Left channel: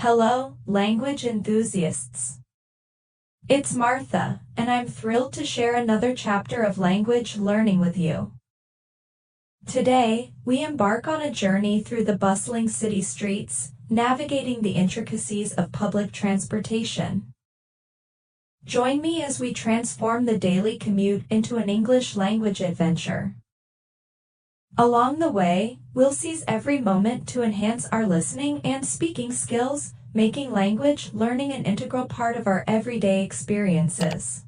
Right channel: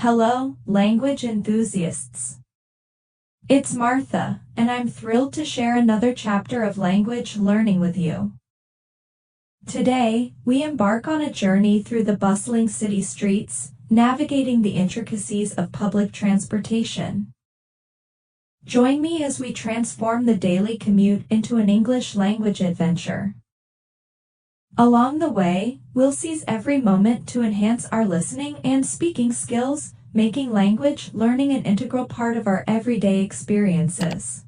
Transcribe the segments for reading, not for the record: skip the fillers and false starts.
Hello, language enthusiasts. It's Martha, and I'm thrilled to share another chapter of language learning with you. Today, we embark on a journey through the bustling city streets, navigating the intricacies of public transportation. Join me as we transform the daily commute into an English language adventure. Along the way, we'll seize every moment to enhance our listening and speaking skills, making language learning an integral part of our everyday experiences.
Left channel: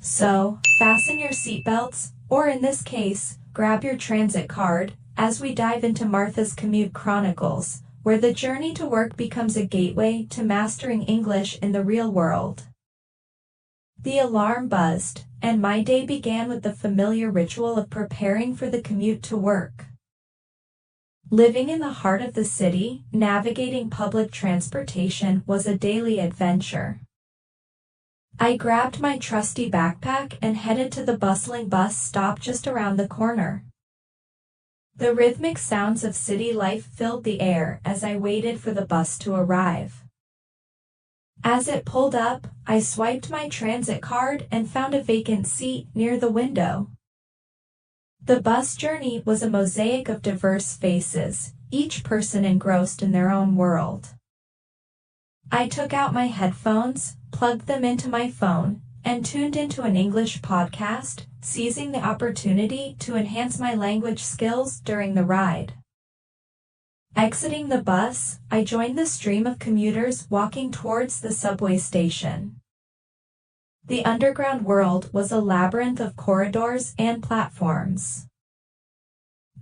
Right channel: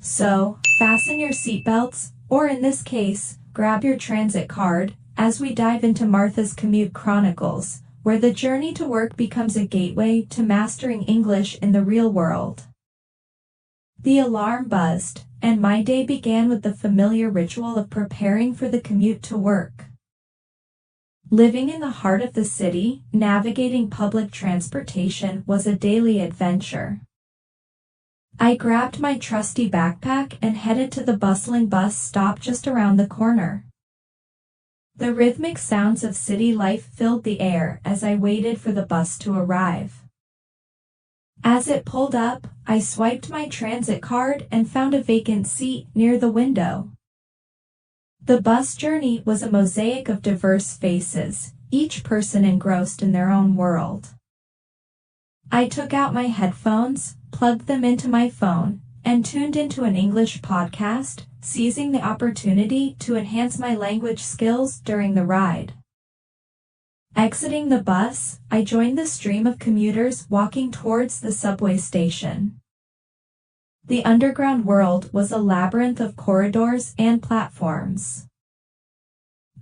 So, fasten your seatbelts, or in this case, grab your transit card, as we dive into Martha's Commute Chronicles, where the journey to work becomes a gateway to mastering English in the real world. The alarm buzzed, and my day began with the familiar ritual of preparing for the commute to work. Living in the heart of the city, navigating public transportation was a daily adventure. I grabbed my trusty backpack and headed to the bustling bus stop just around the corner. The rhythmic sounds of city life filled the air as I waited for the bus to arrive. As it pulled up, I swiped my transit card and found a vacant seat near the window. The bus journey was a mosaic of diverse faces, each person engrossed in their own world. I took out my headphones, plugged them into my phone, and tuned into an English podcast, seizing the opportunity to enhance my language skills during the ride. Exiting the bus, I joined the stream of commuters walking towards the subway station. The underground world was a labyrinth of corridors and platforms.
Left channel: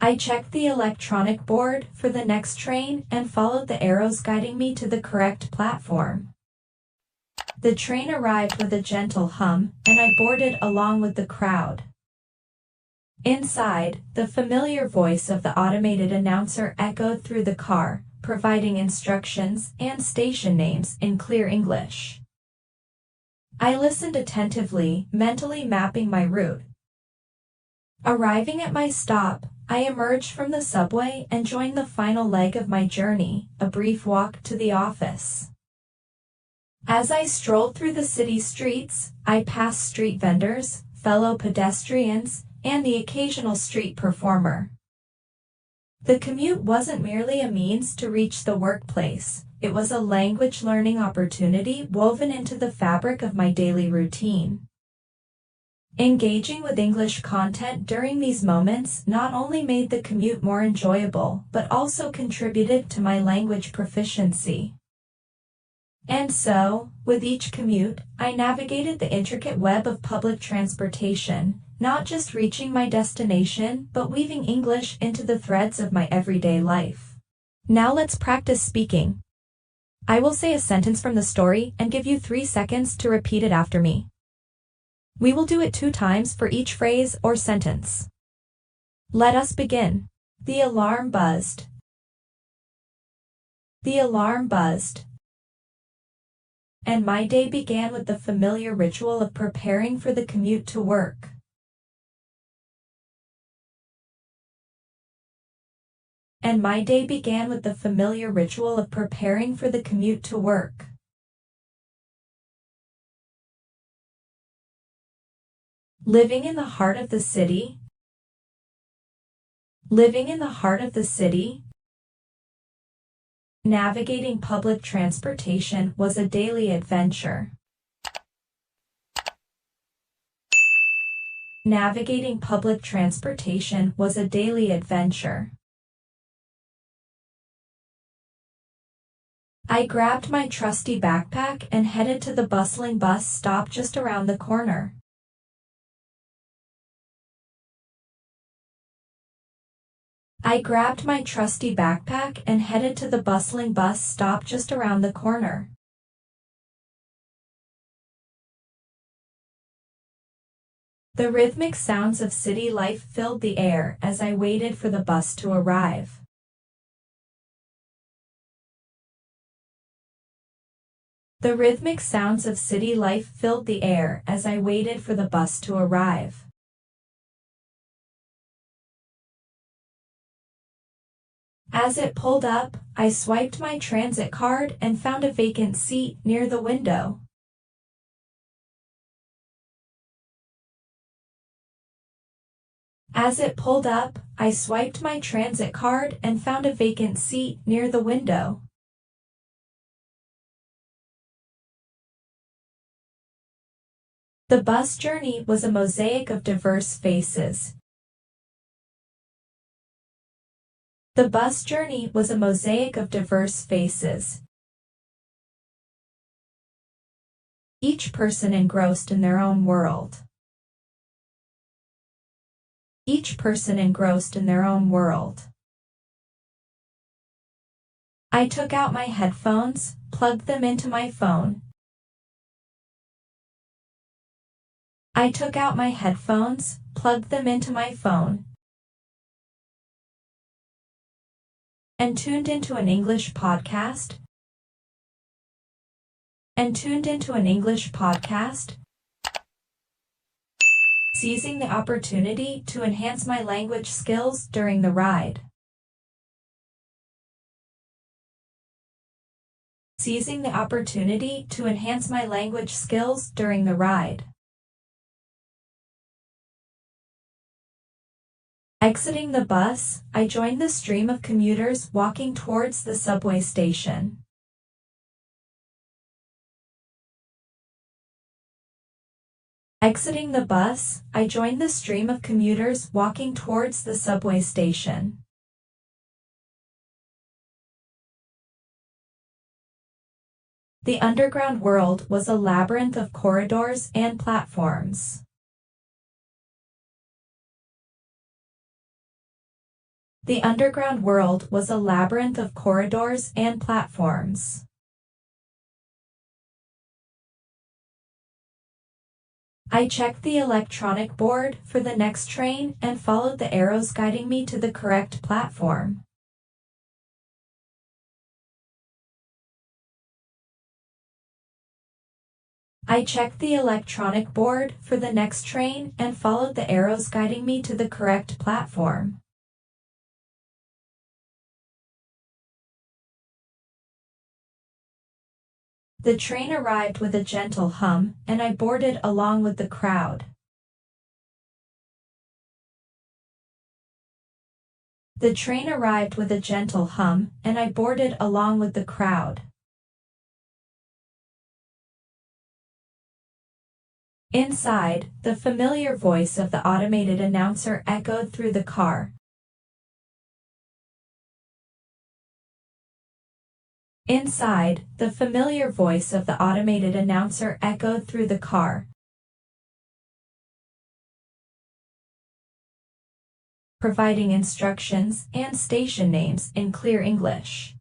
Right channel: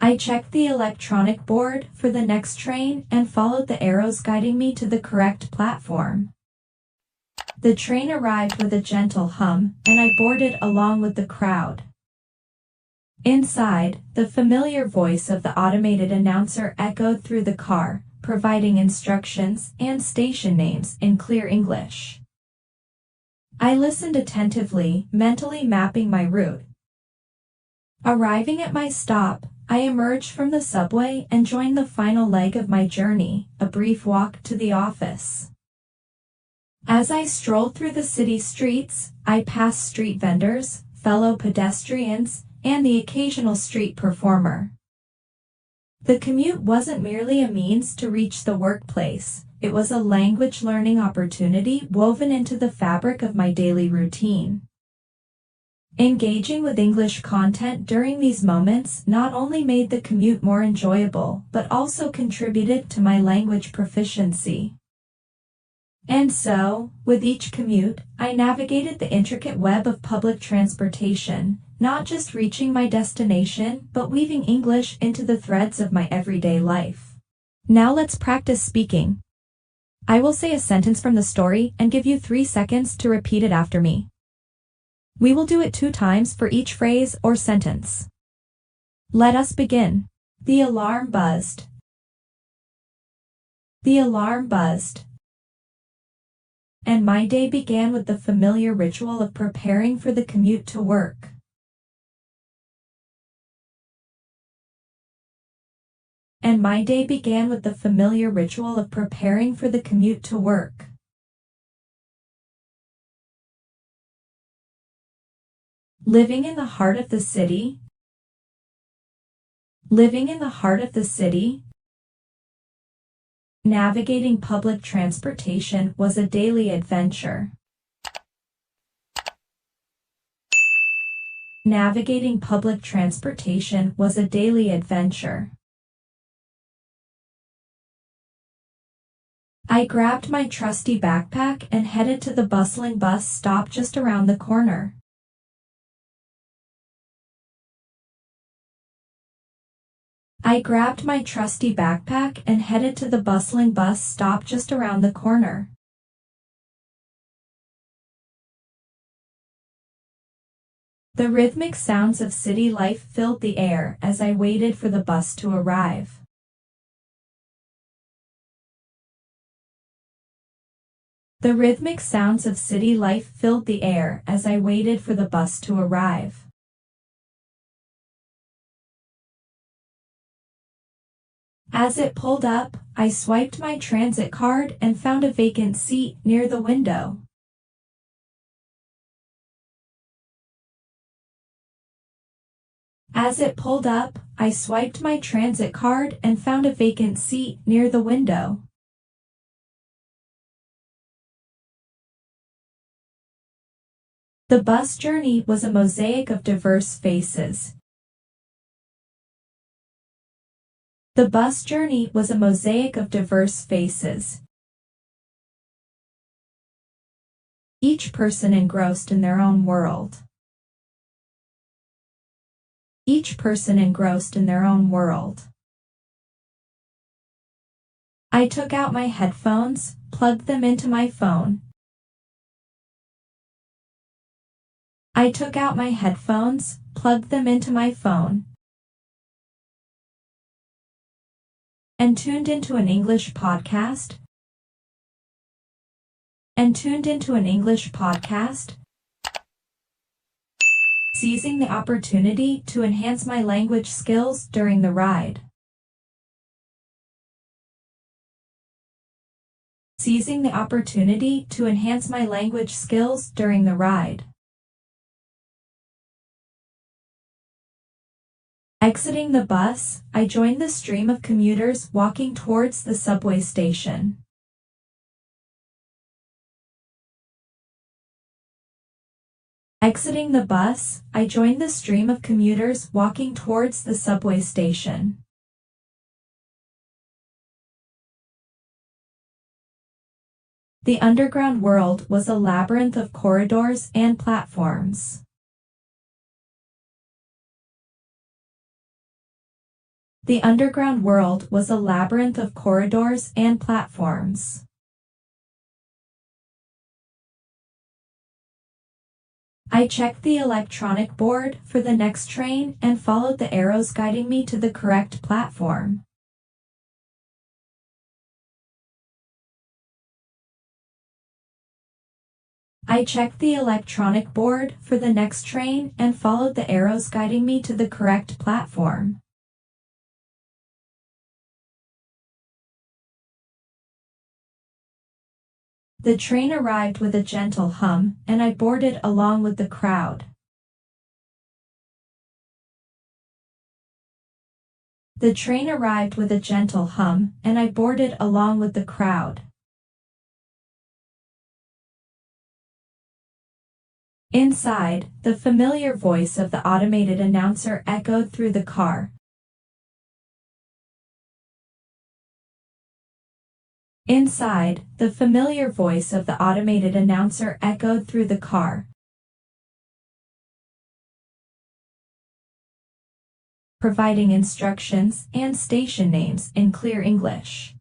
I checked the electronic board for the next train and followed the arrows guiding me to the correct platform. The train arrived with a gentle hum, and I boarded along with the crowd. Inside, the familiar voice of the automated announcer echoed through the car, providing instructions and station names in clear English. I listened attentively, mentally mapping my route. Arriving at my stop, I emerged from the subway and joined the final leg of my journey, a brief walk to the office. As I strolled through the city streets, I passed street vendors, fellow pedestrians, and the occasional street performer. The commute wasn't merely a means to reach the workplace, it was a language learning opportunity woven into the fabric of my daily routine. Engaging with English content during these moments not only made the commute more enjoyable, but also contributed to my language proficiency. And so, with each commute, I navigated the intricate web of public transportation, not just reaching my destination, but weaving English into the threads of my everyday life. Now let's practice speaking. I will say a sentence from the story and give you 3 seconds to repeat it after me. We will do it 2 times for each phrase or sentence. Let us begin. The alarm buzzed. The alarm buzzed. And my day began with the familiar ritual of preparing for the commute to work. And my day began with the familiar ritual of preparing for the commute to work. Living in the heart of the city. Living in the heart of the city. Navigating public transportation was a daily adventure. Navigating public transportation was a daily adventure. I grabbed my trusty backpack and headed to the bustling bus stop just around the corner. I grabbed my trusty backpack and headed to the bustling bus stop just around the corner. The rhythmic sounds of city life filled the air as I waited for the bus to arrive. The rhythmic sounds of city life filled the air as I waited for the bus to arrive. As it pulled up, I swiped my transit card and found a vacant seat near the window. As it pulled up, I swiped my transit card and found a vacant seat near the window. The bus journey was a mosaic of diverse faces. The bus journey was a mosaic of diverse faces. Each person engrossed in their own world. Each person engrossed in their own world. I took out my headphones, plugged them into my phone. I took out my headphones, plugged them into my phone, and tuned into an English podcast. Seizing the opportunity to enhance my language skills during the ride. Seizing the opportunity to enhance my language skills during the ride. Exiting the bus, I joined the stream of commuters walking towards the subway station. Exiting the bus, I joined the stream of commuters walking towards the subway station. The underground world was a labyrinth of corridors and platforms. The underground world was a labyrinth of corridors and platforms. I checked the electronic board for the next train and followed the arrows guiding me to the correct platform. I checked the electronic board for the next train and followed the arrows guiding me to the correct platform. The train arrived with a gentle hum, and I boarded along with the crowd. The train arrived with a gentle hum, and I boarded along with the crowd. Inside, the familiar voice of the automated announcer echoed through the car. Inside, the familiar voice of the automated announcer echoed through the car. Providing instructions and station names in clear English.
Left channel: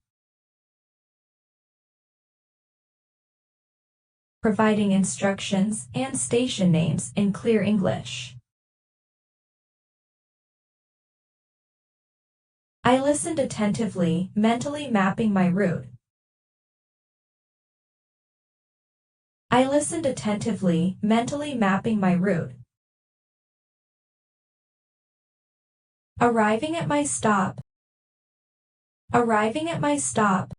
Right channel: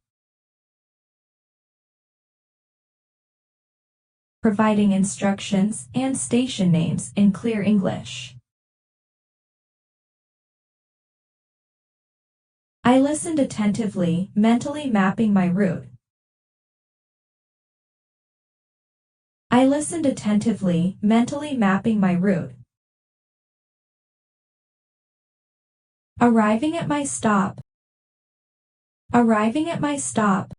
Providing instructions and station names in clear English. I listened attentively, mentally mapping my route. I listened attentively, mentally mapping my route. Arriving at my stop. Arriving at my stop.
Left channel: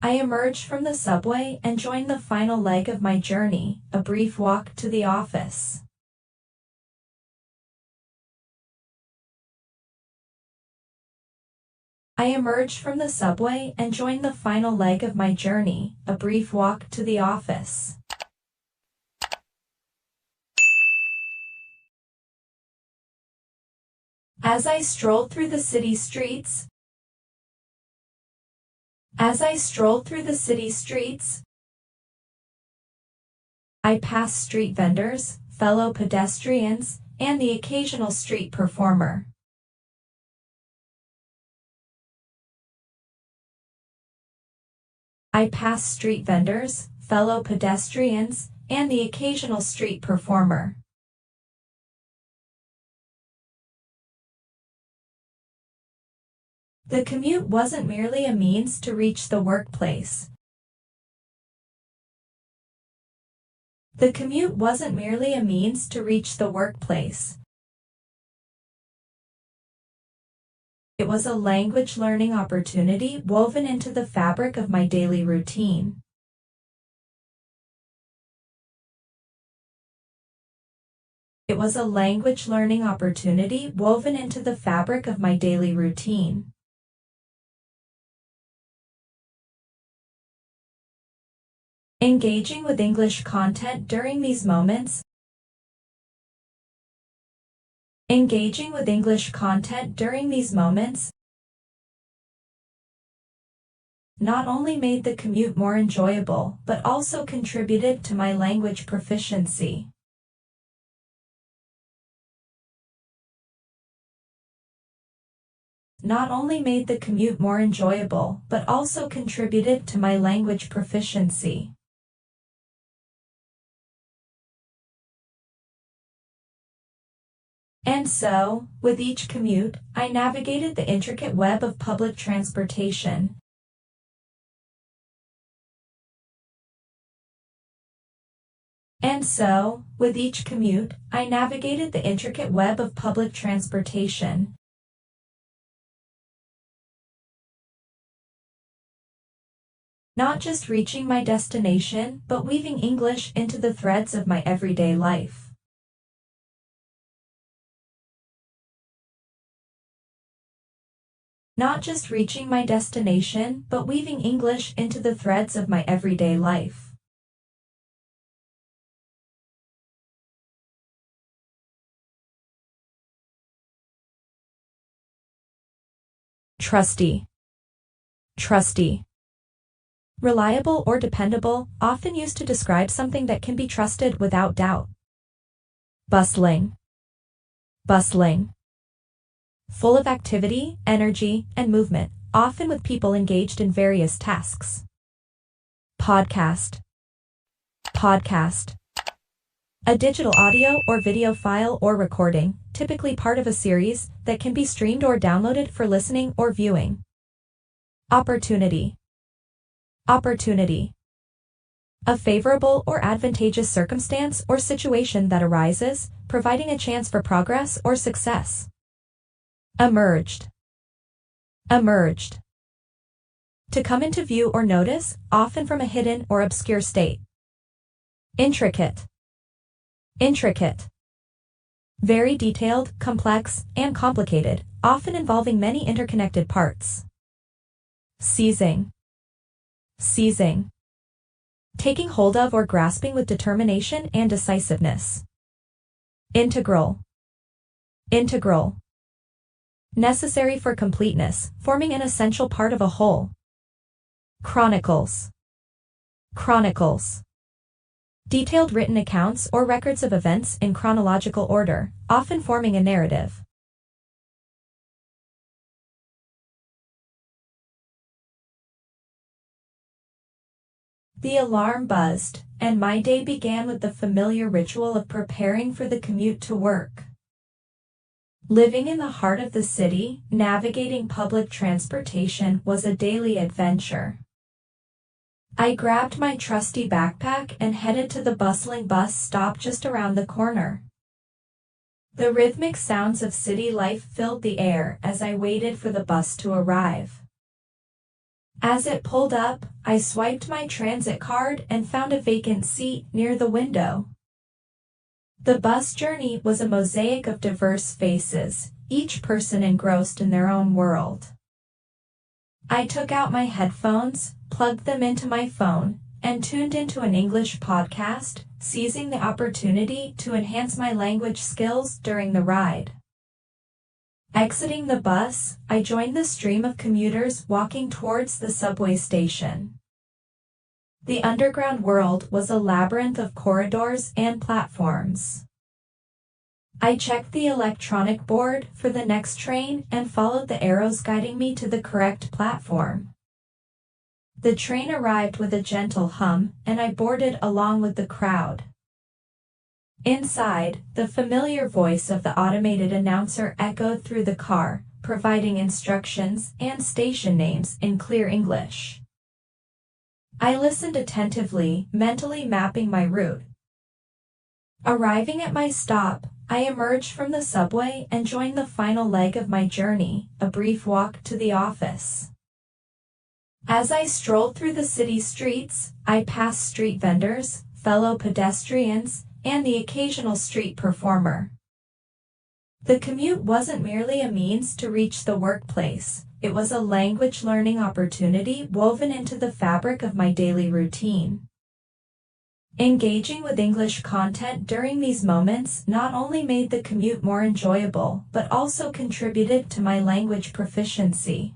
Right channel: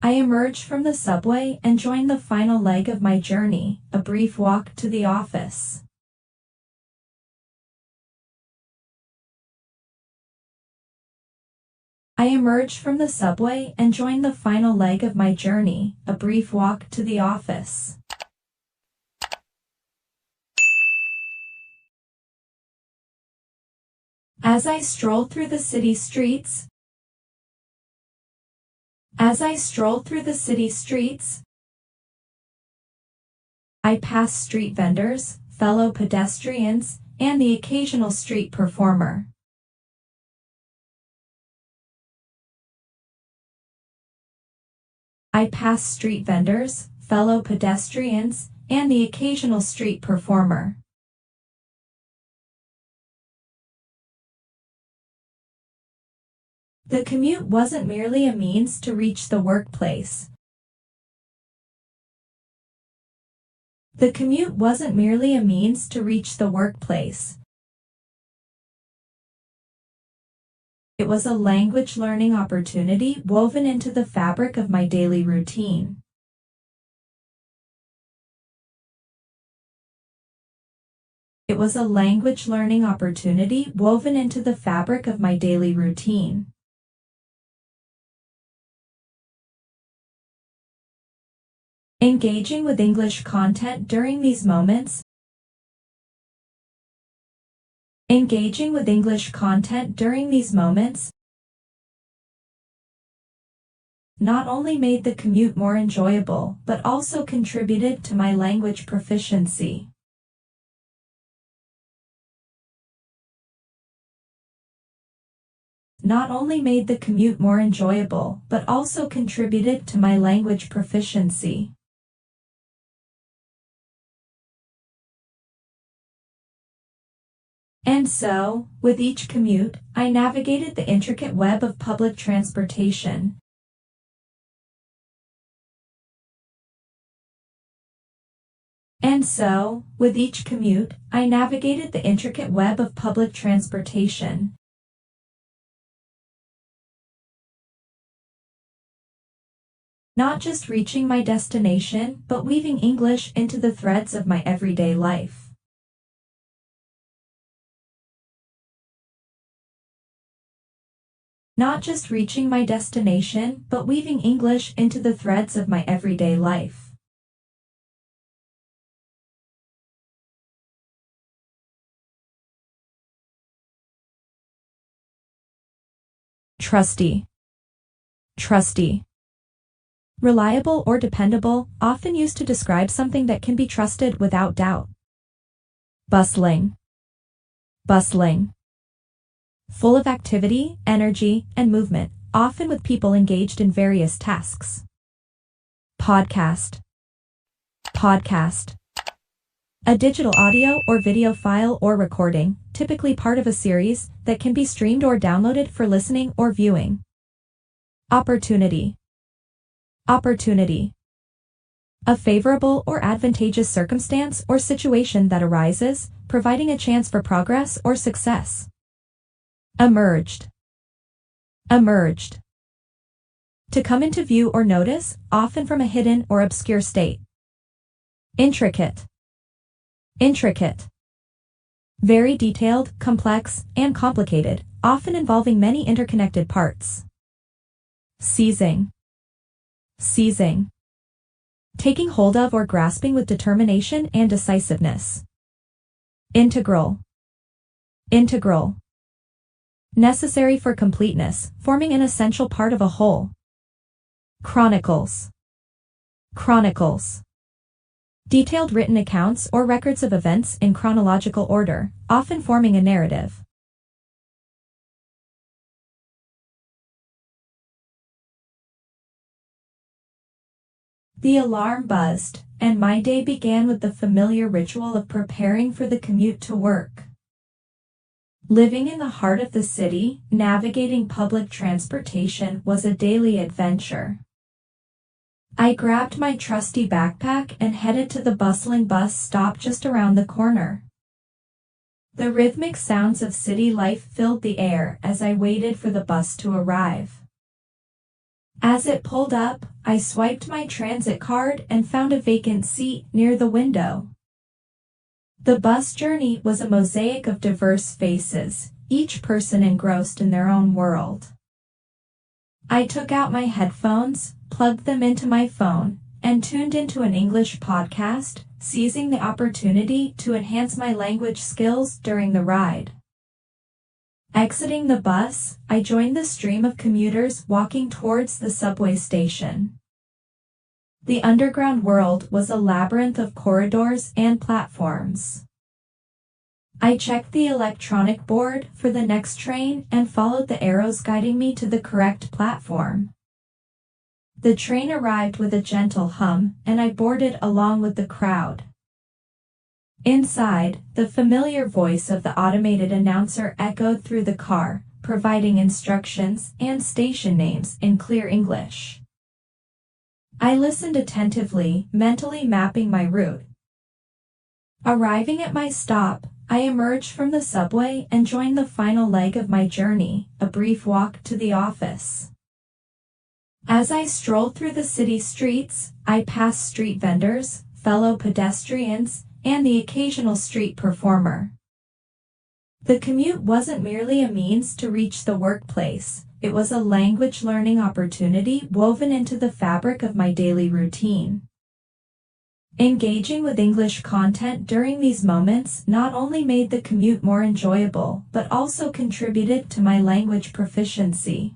I emerged from the subway and joined the final leg of my journey, a brief walk to the office. I emerged from the subway and joined the final leg of my journey, a brief walk to the office. As I strolled through the city streets, I passed street vendors, fellow pedestrians, and the occasional street performer. I passed street vendors, fellow pedestrians, and the occasional street performer. The commute wasn't merely a means to reach the workplace. The commute wasn't merely a means to reach the workplace. It was a language learning opportunity woven into the fabric of my daily routine. It was a language learning opportunity woven into the fabric of my daily routine. Engaging with English content during these moments. Engaging with English content during these moments not only made the commute more enjoyable, but also contributed to my language proficiency. Not only made the commute more enjoyable, but also contributed to my language proficiency. And so, with each commute, I navigated the intricate web of public transportation. And so, with each commute, I navigated the intricate web of public transportation. Not just reaching my destination, but weaving English into the threads of my everyday life. Not just reaching my destination, but weaving English into the threads of my everyday life. Trusty. Trusty. Reliable or dependable, often used to describe something that can be trusted without doubt. Bustling. Bustling. Full of activity, energy, and movement, often with people engaged in various tasks. Podcast. Podcast. A digital audio or video file or recording, typically part of a series, that can be streamed or downloaded for listening or viewing. Opportunity. Opportunity. A favorable or advantageous circumstance or situation that arises, providing a chance for progress or success. Emerged. Emerged. To come into view or notice, often from a hidden or obscure state. Intricate. Intricate. Very detailed, complex, and complicated, often involving many interconnected parts. Seizing. Seizing. Taking hold of or grasping with determination and decisiveness. Integral. Integral. Necessary for completeness, forming an essential part of a whole. Chronicles. Chronicles. Detailed written accounts or records of events in chronological order, often forming a narrative. The alarm buzzed, and my day began with the familiar ritual of preparing for the commute to work. Living in the heart of the city, navigating public transportation was a daily adventure. I grabbed my trusty backpack and headed to the bustling bus stop just around the corner. The rhythmic sounds of city life filled the air as I waited for the bus to arrive. As it pulled up, I swiped my transit card and found a vacant seat near the window. The bus journey was a mosaic of diverse faces, each person engrossed in their own world. I took out my headphones, plugged them into my phone, and tuned into an English podcast, seizing the opportunity to enhance my language skills during the ride. Exiting the bus, I joined the stream of commuters walking towards the subway station. The underground world was a labyrinth of corridors and platforms. I checked the electronic board for the next train and followed the arrows guiding me to the correct platform. The train arrived with a gentle hum, and I boarded along with the crowd. Inside, the familiar voice of the automated announcer echoed through the car, providing instructions and station names in clear English. I listened attentively, mentally mapping my route. Arriving at my stop, I emerged from the subway and joined the final leg of my journey, a brief walk to the office. As I strolled through the city streets, I passed street vendors, fellow pedestrians, and the occasional street performer. The commute wasn't merely a means to reach the workplace, it was a language learning opportunity woven into the fabric of my daily routine. Engaging with English content during these moments not only made the commute more enjoyable, but also contributed to my language proficiency.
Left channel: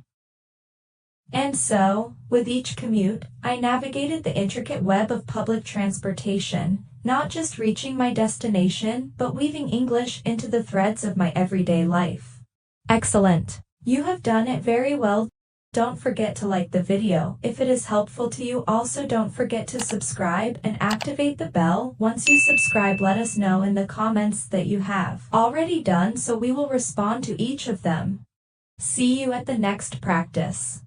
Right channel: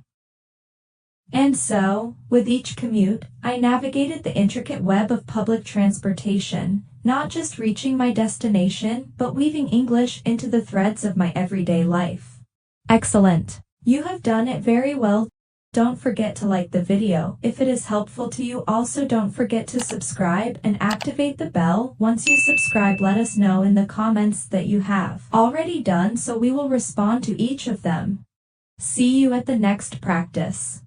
And so, with each commute, I navigated the intricate web of public transportation, not just reaching my destination, but weaving English into the threads of my everyday life. Excellent! You have done it very well. Don't forget to like the video if it is helpful to you. Also, don't forget to subscribe and activate the bell. Once you subscribe, let us know in the comments that you have already done so we will respond to each of them. See you at the next practice.